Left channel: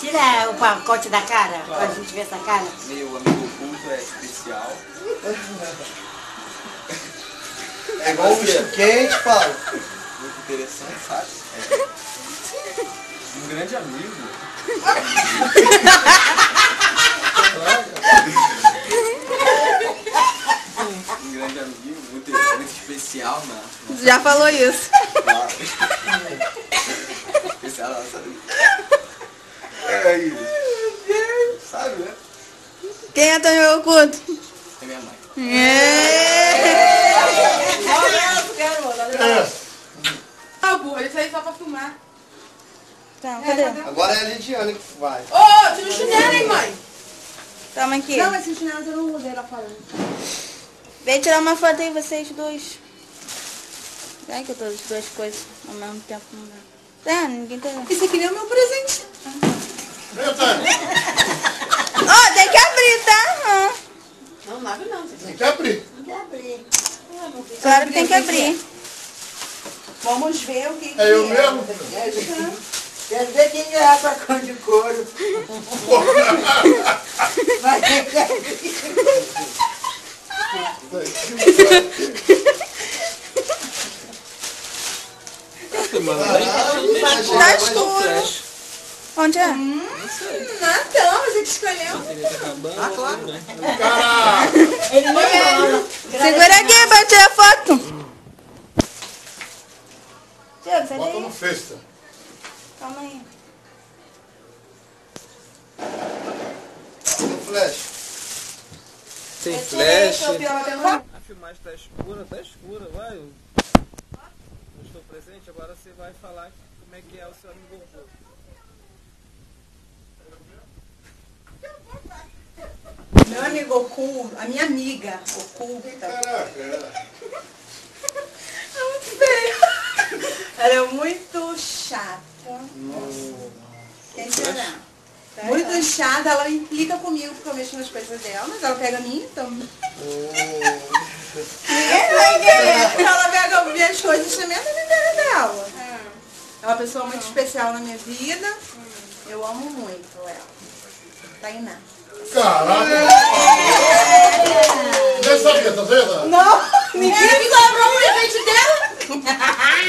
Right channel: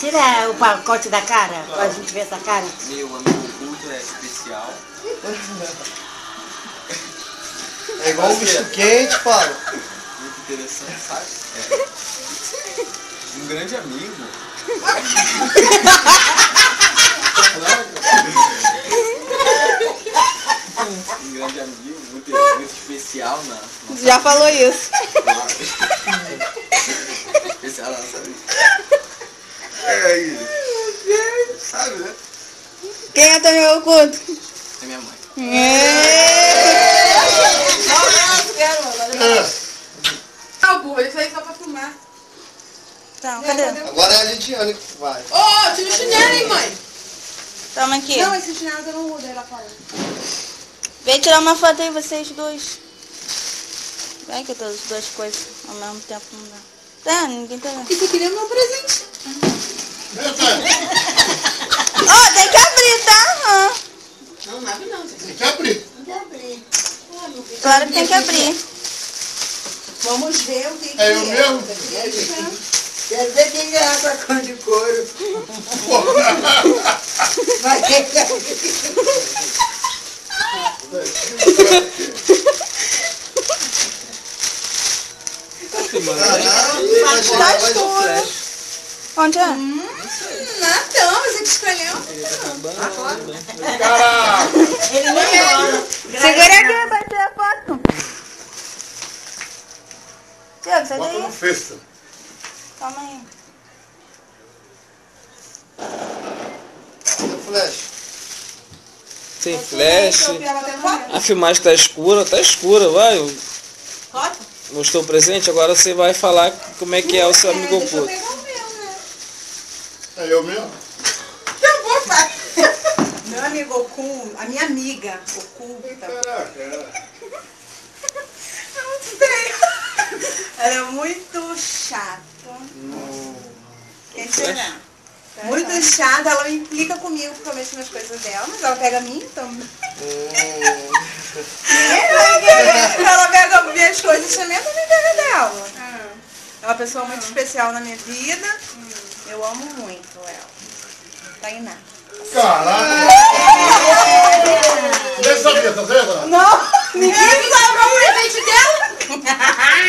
Tira o pacote da cara, pra gente ver essa cara. Meu amigo oculto é especial. É igual um misto quente, Paulo. Muito interessante, sabe? Um grande amigo. Especial na nossa Já falou isso. Especial na nossa vida. Sabe, né? Quem é teu amigo oculto? É minha mãe. Tá, burra, isso aí só pra filmar. Não, cadê? Agora é a Lidiane que vai. Ô, tira o chinelo, hein, mãe? Toma aqui. Não, esse chinelo eu não uso, ela falando. Vem tirar uma foto aí, vocês dois. Olha que todas as duas coisas ao mesmo tempo. Tá, ninguém tá vendo. Isso aqui nem é o meu presente. Ó, tem que abrir, tá? Não, não abre não, gente. Tem que abrir. Claro que tem que abrir. Vamos ver o que É eu mesmo? Quero ver quem ganhar pra cor de couro. Vai ter Caralho, vai chegar, vai Onde é? Natão, você que escolheu. Caraca! Ele nem ama. Segura aqui pra tirar a foto. Tiago, sai Bota no daí. festa. Calma aí. Flash. Sem flash. Rápido. A filmagem tá escura, vai. Pode? Mostrou o presente, agora você vai falar como é que é o seu amigo Deixa eu oculto. pegar o meu, né? É eu mesmo? Eu vou, pai. Meu amigo oculto, a minha amiga oculta. Caraca. Não sei. Ela é muito chata. Quem será? Muito chata, ela implica comigo porque eu mexo nas coisas dela, mas ela pega a mim, então. Ninguém vai ver. Ela pega minhas coisas também, eu também pego dela. É uma pessoa muito especial na minha vida. Eu amo muito ela. Tainá. Caraca! Nem sabia, tá vendo? Não! Ninguém me comprou o presente dela!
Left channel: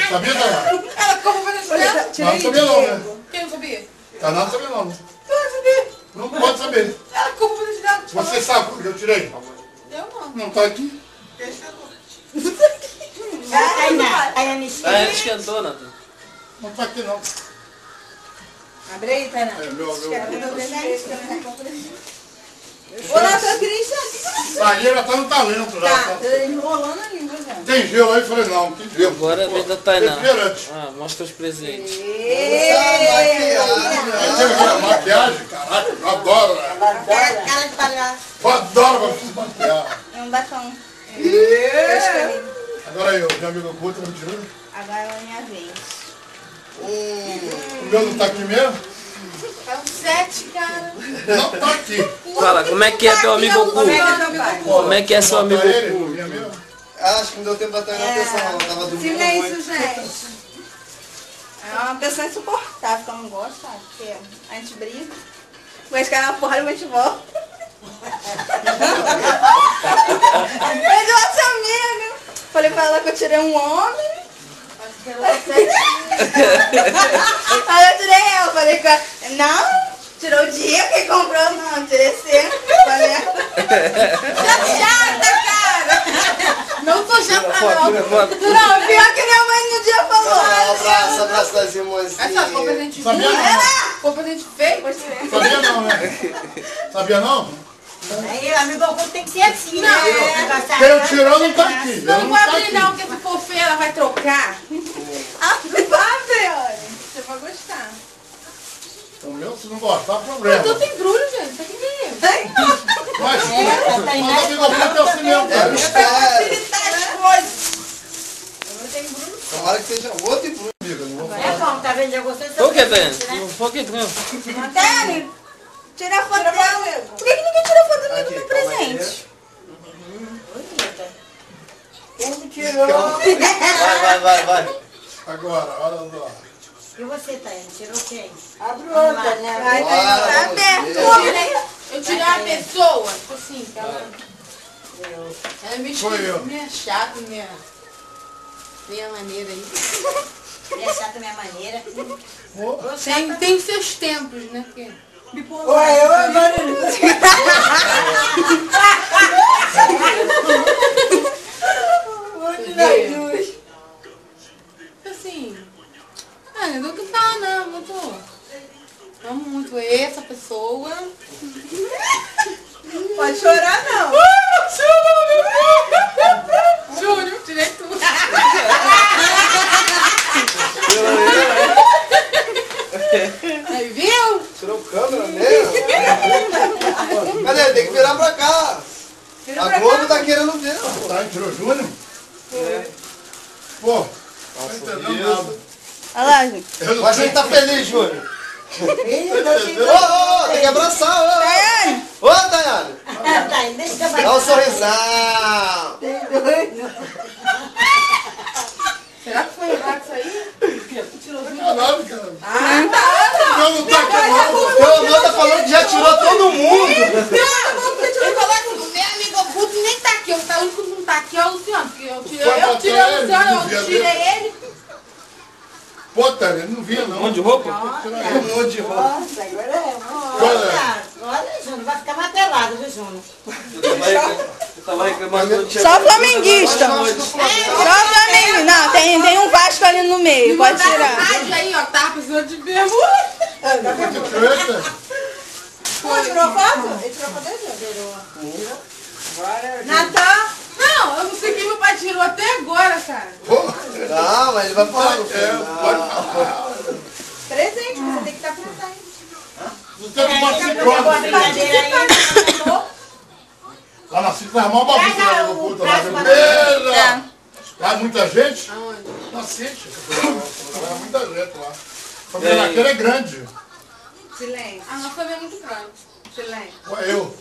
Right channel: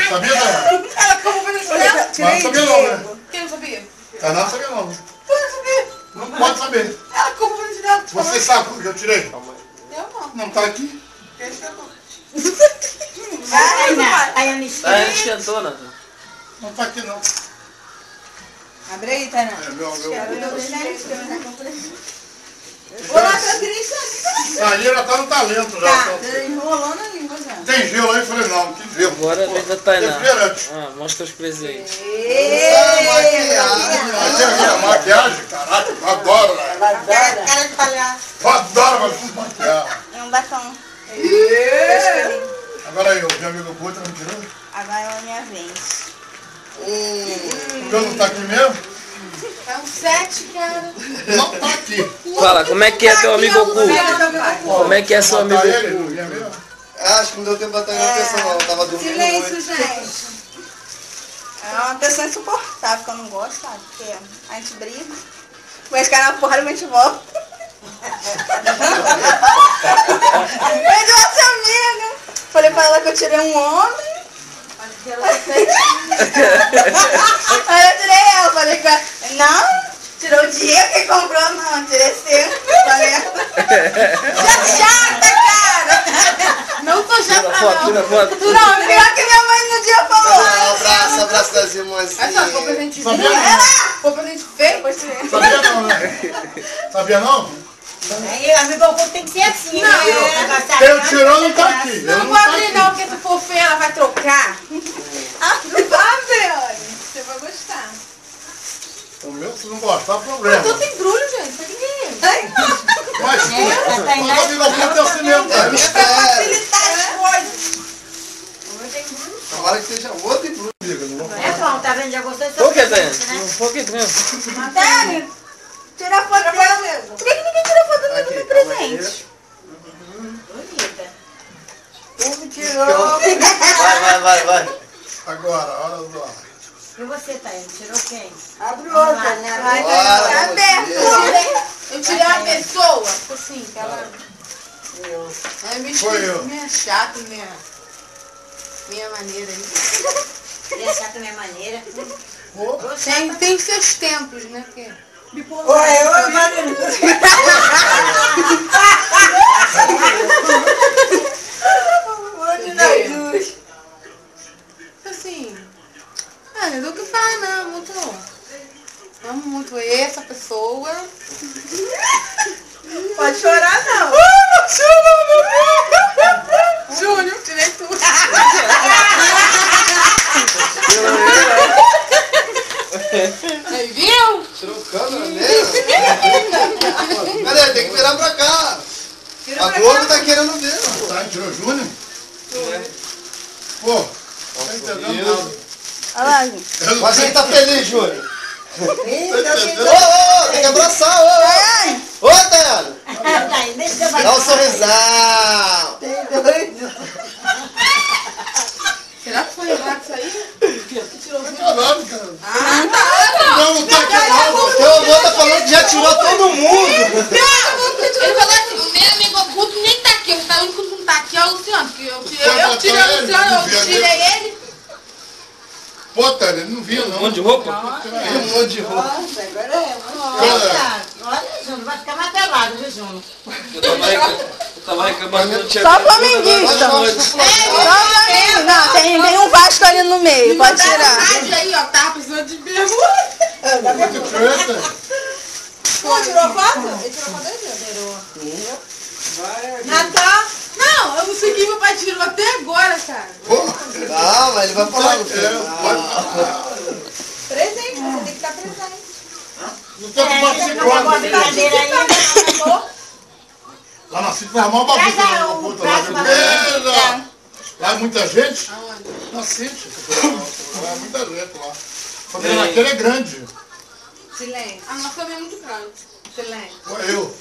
Sabia, Tainá? Ela comprou o presente dela? Mas não sabia não, né? Quem não sabia? Tainá não sabia não. Tu não sabia? Não pode saber. Ela comprou o presente dela. Tu Você sabe porque eu tirei? Eu não. Não tá aqui. Aí a Anistia. Ah, não esquentou, Nathan. Não tá aqui não. Abre aí, Tainá. Aí, meu. Ô, nossa, Cristian. Saíra tá no talento já. Tá, enrolando a língua já. Tem gelo aí? Eu falei, não, que gelo. Agora Pô, deixa a Tainá. refrigerante. Ah, mostra os presentes. Maquiagem. Maquiagem, caraca, eu adoro, né? Ela adora. Cara de palhaço. Eu adoro se maquiar. Não dá como. Agora aí, o teu amigo oculto não tirou? Agora é a minha vez. O meu não tá aqui mesmo? É um 7, cara. Não tá aqui. Fala, como é que é seu amigo Como é que é teu pai? Como é que é seu amigo Botar ele, não vinha mesmo? Acho que não deu tempo pra ter atenção não, eu tava dormindo Silêncio, muito. gente. É uma pessoa insuportável que eu não gosto, sabe? Porque a gente briga. Depois cai na porra e a gente volta. Perdi nossa amiga. Falei pra ela que eu tirei um homem. Aí eu tirei ela, falei pra ela, não, tirou o dia, quem comprou não, eu tirei seu. Falei, chata, cara. Não tô chata, não. Não, pior que minha mãe no dia falou. Um abraço, abraço das irmãs. Mas sabe, foi presente Sabia ruim? não? Foi presente feio? Sabia não, né? Sabia não? Aí o amigo oculto tem que ser assim, né? Quem tirou não tá aqui. Eu Não não vai tá abrir aqui. não, porque se for feio ela vai trocar. Não vai abrir, olha. Você vai gostar. Então, meu, se não gostar, problema. Tanto embrulho, gente. Isso aqui tem. Mas a Tainá o amigo oculto é o cinema. É mistério. Facilitar as coisas. Tomara que seja outro e tudo. Amiga, não vou É bom, tá vendo? Já gostou do seu presente, né? Um pouquinho. Matéria, tira a foto dela mesmo. Por que ninguém tirou foto do Aqui, meu calma aí. presente? Bonita. Como tirou? Vai. Agora, olha só. E você, Thaís? Tirou quem? Abre outra, né? Ai, Bora, tá vamos aberto. ver. Eu tirei uma pessoa, tipo assim, que ela... É meio Foi eu. esquisita, meio chata, minha maneira aí. Ele é chato da minha maneira. Tem seus tempos, né? Oi, Marina. Onde nós duas? Assim, é o que fala, né? Muito... Amo muito essa pessoa. Pode chorar, não. Júnior, tirei tudo. Aí, viu? Tirou câmera mesmo? Cadê? Tem que virar pra cá. A Globo tá querendo ver. Pô. Tá, tirou Júnior? Pô, não entendeu nada. Olha lá, gente. Mas a gente tá feliz, Júnior. Então, Ô, tem que abraçar. Ô, Daiane. Thaís, deixa que eu Dá um sorrisão. tem dois. Será que foi errado isso aí? Caralho, cara. Ah, tá. Não tá aqui não. Teu avô tá falando que já tirou todo mundo. Ele falou assim, o meu amigo oculto nem tá aqui. O único que não tá aqui é o Luciano. Porque eu tirei o Luciano, eu tirei ele. Pô, Tânia, ele não via não. Um monte de roupa? Um monte de roupa. Nossa, agora é. Olha, Júnior, vai ficar martelado, viu, Júnior? Eu tava reclamando que não tinha... Só flamenguista. Só flamengo. Não, tem um Vasco ali no meio. Me Pode mandaram tirar. rádio aí, ó. Tava precisando de bermuda. Tirou essa? Pô, tirou foto? Ele tirou foto aí, Tirou. Natal? Não, eu não segui, meu pai tirou até agora, cara. Pô, Não, mas ele vai falar no é, final. Presente, você tem que estar presente. não tem É, mais deixa eu fazer uma brincadeira aí. Lá na cidade, dá uma Traz bagunça a- lá no o culto lá. prato pra Beleza! Lá é muita gente? Na City. Lá é muita gente lá. A família daquela é grande. Silêncio. A nossa família é muito grande. Silêncio. Foi eu.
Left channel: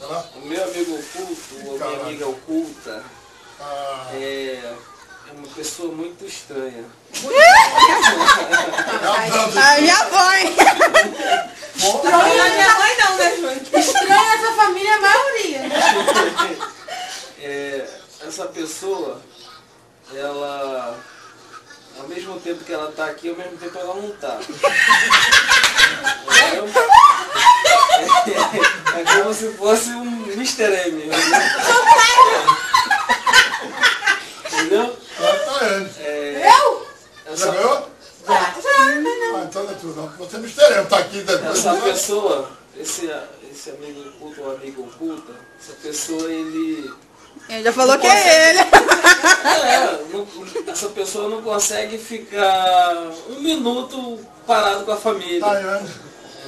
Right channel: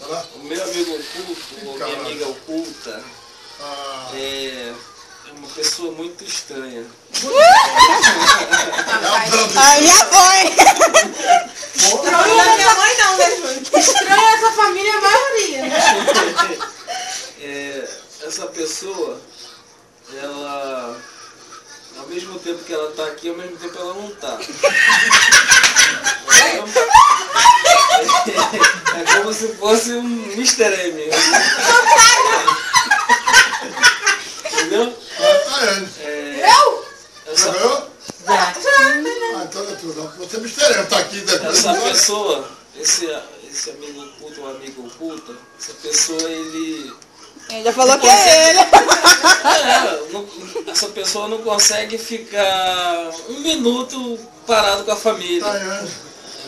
Sei lá. O meu amigo oculto, ou minha amiga oculta, Ah, é uma pessoa muito estranha. Aí já foi. Estranho a minha mãe não, né? Estranho essa família é a maioria. Essa pessoa, ela, ao mesmo tempo que ela tá aqui, ao mesmo tempo ela não tá. É como se fosse um Mr. M. Entendeu? tá ele. Eu? Já Essa, ganhou? Já. Ah, então não é tudo não. Você me estarei, tá aqui dentro. essa pessoa, esse amigo oculto ou amigo oculta, essa pessoa ele... Ele já falou que é ele. Essa pessoa não consegue ficar um minuto parado com a família. Tá, é.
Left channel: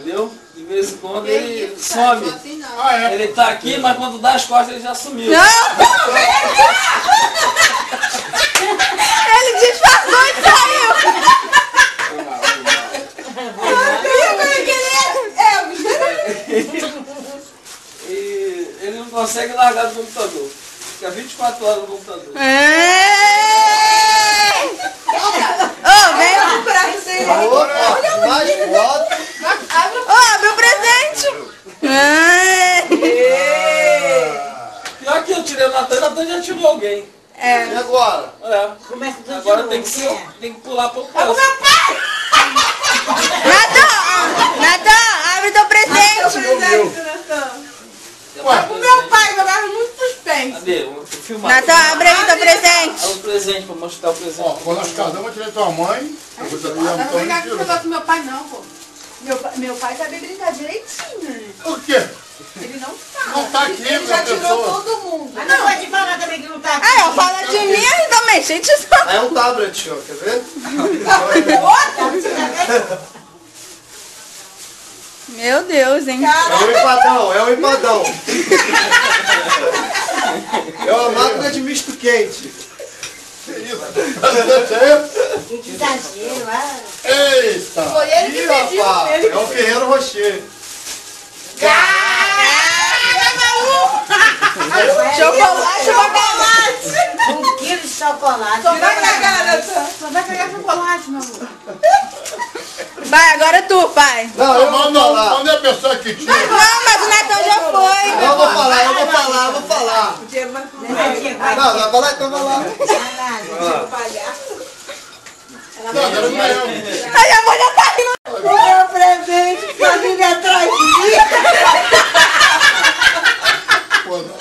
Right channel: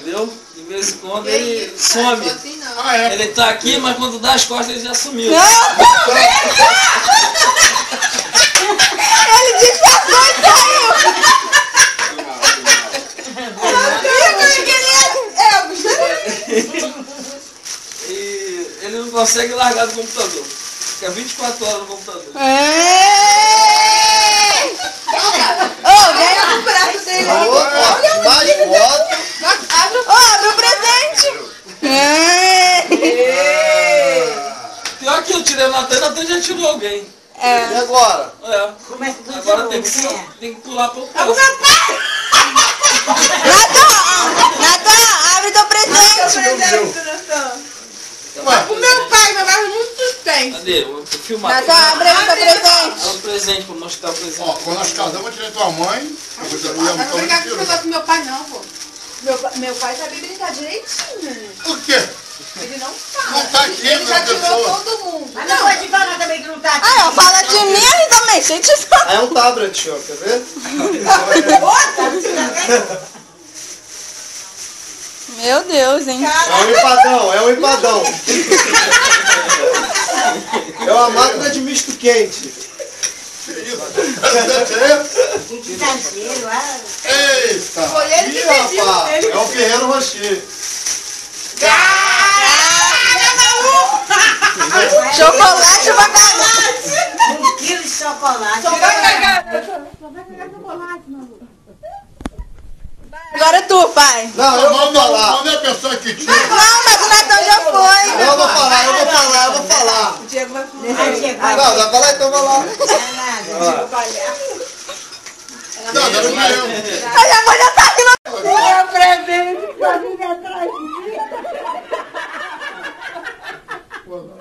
Entendeu? De vez em quando Que ele isso, cara? some. Assim não. Ah, é. Ele tá aqui, mas quando dá as costas ele já sumiu. E ele não consegue largar do computador. Fica 24 horas no computador. Olha o prato dele aí. Opa, mais foto. Abre o Ó, meu presente. Pior que eu tirei o Natan já tirou alguém. E agora? É. Começa tudo de Agora novo, tem que, quem é? tem que pular pro próximo. Natan, abre teu presente. O meu pai vai dar muito suspense. Cadê? Vou filmar. Natan, abre aí teu Olha presente. o presente, pra mostrar o presente. Ó, quando nós casamos, eu tirei tua mãe. Eu não vou brincar com esse negócio com meu pai, não, pô. Meu pai sabia brincar direitinho. O quê? Ele não fala. Não tá aqui, Ele já meu tirou pessoa. todo mundo. Mas não pode falar também que não tá aqui. Aí, ó, fala de mim aí também, gente. É um tablet, ó, quer ver? Meu Deus, hein? É um empadão, é um empadão. É uma máquina de misto quente. Que isso? Que exagero, ah. Eita! Ih, rapaz, é o Ferreiro Rocher. Chocolate, chocolate. 1 quilo de chocolate. Só vai cagar, Natan. Só vai cagar chocolate, meu amor. Vai, agora tu, vai. Não, eu vou falar. Manda a pessoa que tira. Não, mas o Netão já foi. Eu vou falar. O Diego vai falar. Não, vai falar, então vai lá. Tá vendo que eu? Ai, a mulher tá aqui no... Minha presente, família atrás de mim. Pô, não.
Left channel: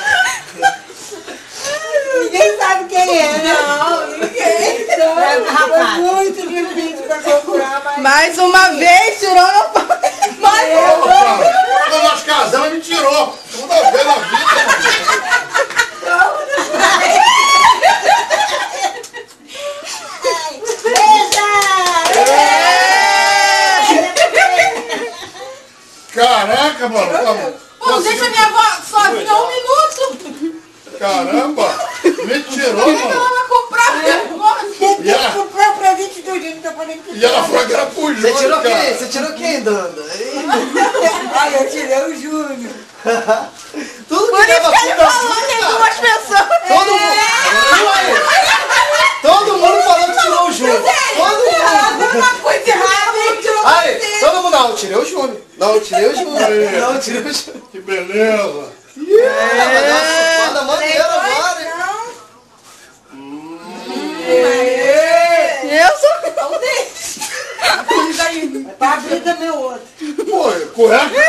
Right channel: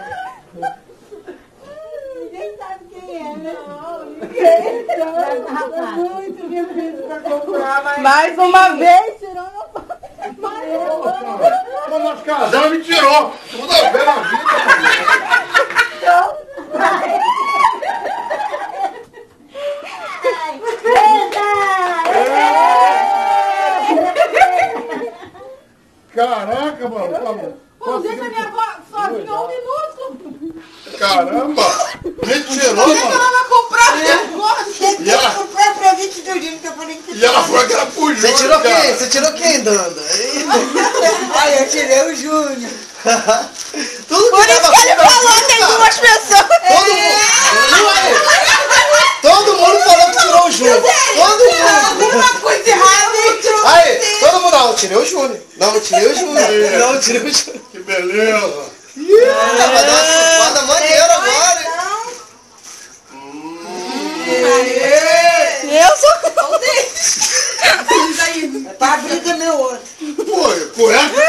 Ninguém sabe quem é, né? Não, ninguém sabe. Foi muito difícil pra procurar, mas... Mais uma vez, tirou no... Mais uma vez. Quando nós casamos, me tirou. Segunda vez na vida. Caraca, mano. Pô, deixa minha avó sozinha 1 minuto. Caramba. Me tirou, mano. Ela vai comprar o negócio. E ela, Comprei presente do Júnior que eu falei que... e ela falou que era pro Você Júnior, tirou cara. quem? Você tirou quem, Danda? Hein? Aí eu tirei o Júnior. Tudo que Por leva isso que ele vida falou que tem cara. duas pessoas. Todo mundo falando que tirou o Júnior. Todo mundo. Uma coisa errada, ele tirou Aí, todo mundo, não, eu tirei o Júnior. Não, eu tirei o Júnior. Não, eu tirei o Júnior. Que beleza. Vai dar uma chupada maneira agora. Hein? Eu sou o deles. Paprika meu outro. Pô, cueca.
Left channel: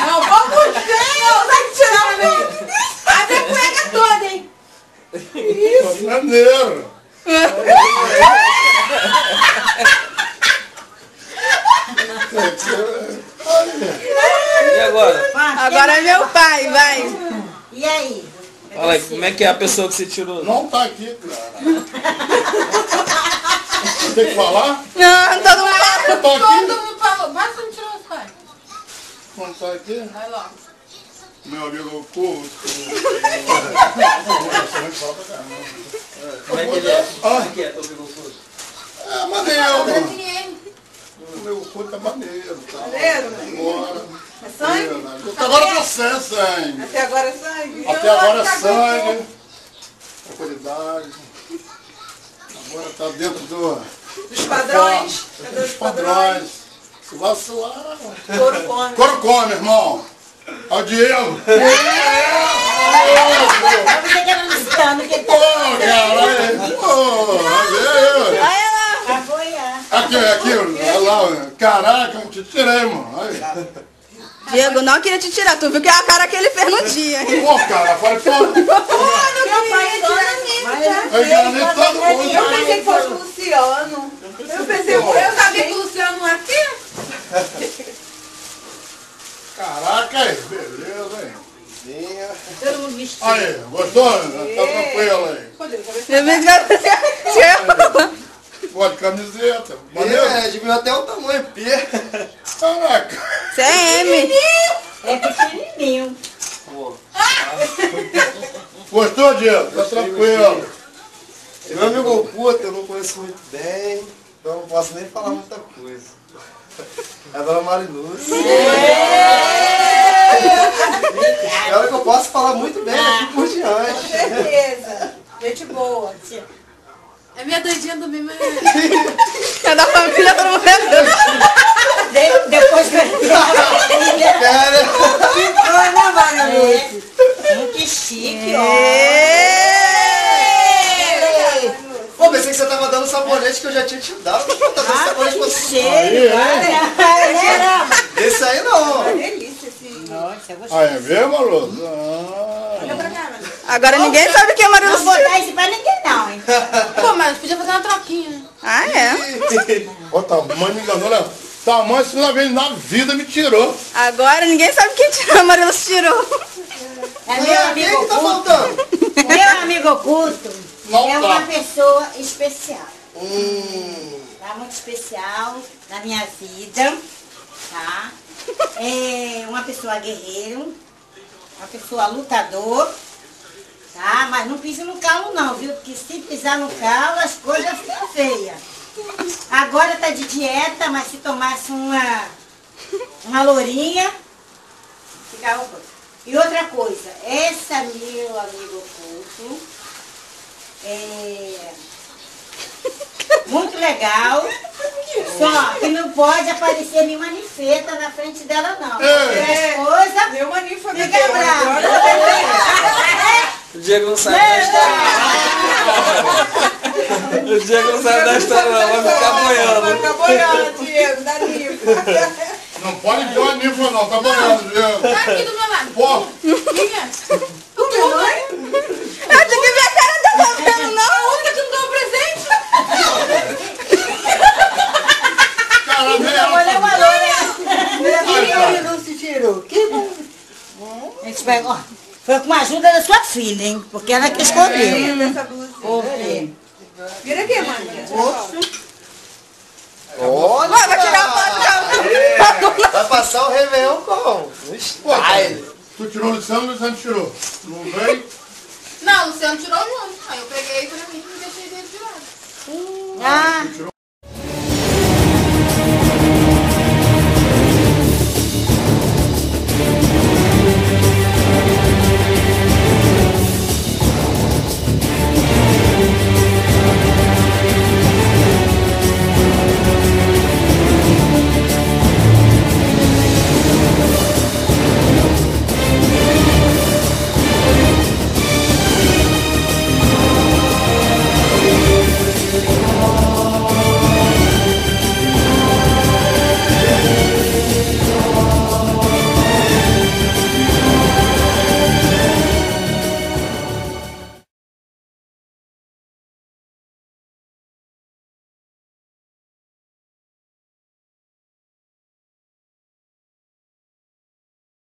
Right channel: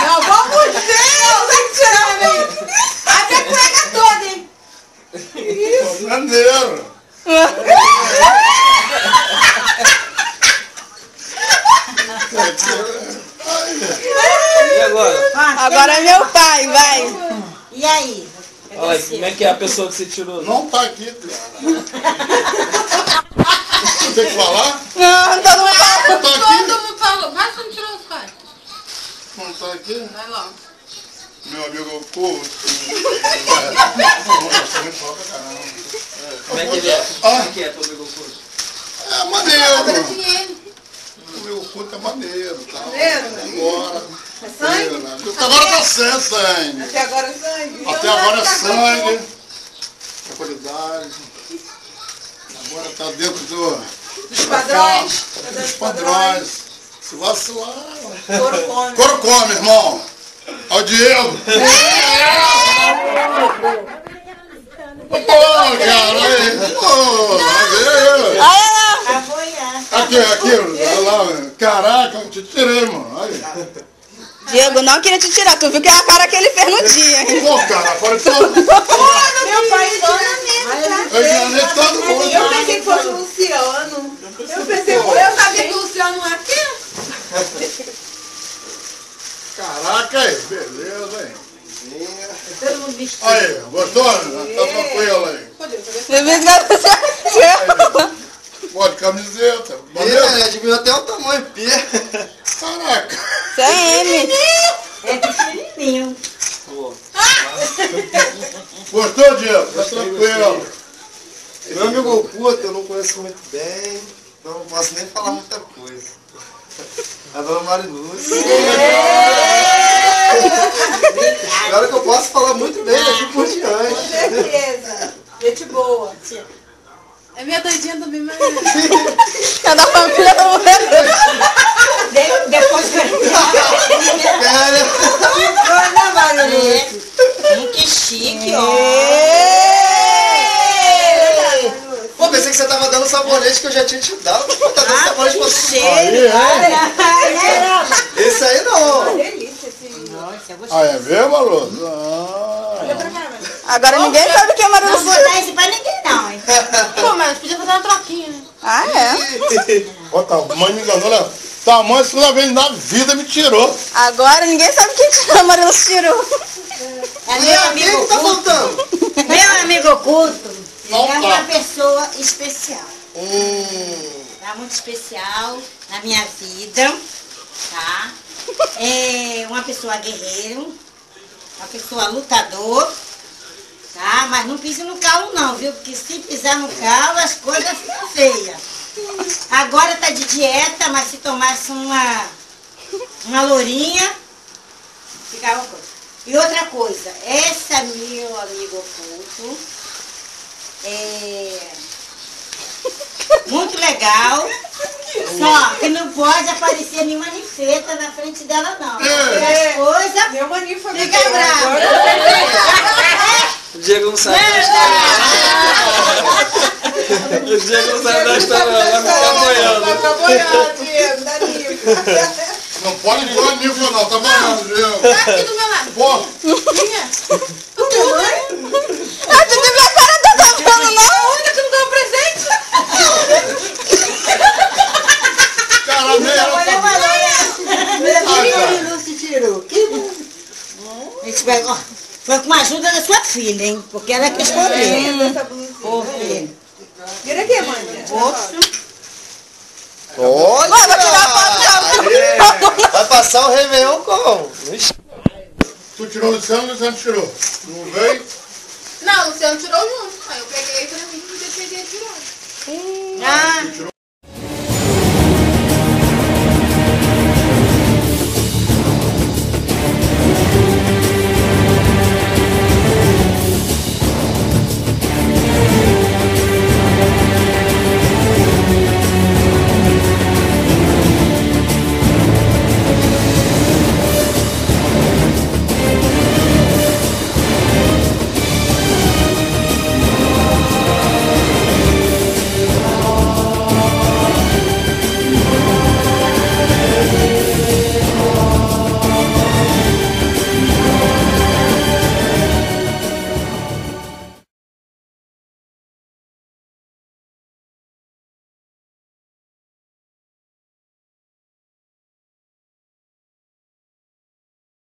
Não, vamos ver. Não, vai tirar a minha. Abre a cueca toda, hein. Maneiro. E agora? Agora é meu pai, vai. E aí? Olha aí, como é que é a pessoa que você tirou? Não tá aqui, cara. Eu tenho que falar? Não, tá lá. Não tá aqui? Todo mundo falou. Vai, você não tirou os pais. Não tá aqui? Vai lá. Meu amigo oculto. Como é que ele é? Como é que é teu amigo oculto? É maneiro. Dinheiro. O meu oculto é maneiro. Tal. Maneiro? Agora. É sangue? Até agora tá sem sangue. Até agora é sangue. Até agora é sangue. Qualidade. Agora tá dentro Dos padrões. Cadê os dos padrões? padrões. Se vacilar, Couro come. couro come, irmão. Olha o Diego. Mas você que era Luciano, que tá... Pô, caralho. Pô, Apoiar. aqui, olha lá. Caraca, eu te tirei, mano. Aí. Diego, não queria te tirar. Tu viu que a cara que ele fez no dia. Pô, cara, apareceu. Meu pai Eu enganei todo mundo. Eu pensei que fosse o Luciano. Eu sabia que o Luciano não é aqui. Caraca, aí, beleza, aí. Todo mundo vestido. Aí, gostou? Tá tranquilo aí. Pô, de camiseta. Maneiro? Diminuiu até o tamanho, pia. Caraca. É pequenininho. Gostou, Diego? Tá tranquilo. Meu amigo oculto eu não conheço muito bem, então não posso nem falar muita coisa. É a dona Mariluz. Agora que eu posso falar muito bem daqui por diante. Certeza. Gente boa. É minha doidinha do bem, mas... Cada família tá morrendo. Depois que Sério? Que chique, ó. Pô, pensei que você tava dando sabonete que eu já tinha te dado. Tá dando sabonete pra você. Esse aí não. Delícia esse... Nossa, eu Ah, gostei. é mesmo, Maru? Olha pra cá, mano. Agora ninguém sabe quem é Maria Não vou dar esse pra ninguém, não, hein? Pô, mas podia fazer uma troquinha. Ah, é? Ó, tamanho me enganou, né? Tamanho, segunda vez da vida me tirou. Agora ninguém sabe quem tirou. A Maria tirou. É meu Quem amigo que tá oculto. faltando? Meu amigo oculto Não é tá. uma pessoa especial. É muito especial na minha vida, tá? É uma pessoa guerreiro, uma pessoa lutador, tá? Mas não pise no calo não, viu? Porque se pisar no calo as coisas ficam feias. Agora tá de dieta, mas se tomasse uma lourinha, ficava coisa. E outra coisa, essa meu amigo oculto muito legal. Só que não pode aparecer nenhuma manifeta na frente dela, não. Coisa. Meu maninho foi Fica bravo. O Diego não sabe da história. O Diego não sabe da história, não. Vai ficar boiando. Vai ficar boiando, Diego. Dá livro. Não pode pôr a nível, não. Tá boiando, Diego. Tá aqui do meu lado. Pô. Quem é? Tu me deu? Ah, tu viu minha cara? Tu tá vendo, não? Aonde tu me deu um presente? Cara, Não se tirou. Que bom. A gente pegou. Foi com a ajuda da sua filha, hein? Porque ela que escolheu. Linda essa blusinha. Vira aqui, mãe. Olha! Vai passar o Réveillon como? No style. tu tirou o Luciano tirou. Não veio? Não, o Luciano tirou junto. Aí eu peguei pra mim.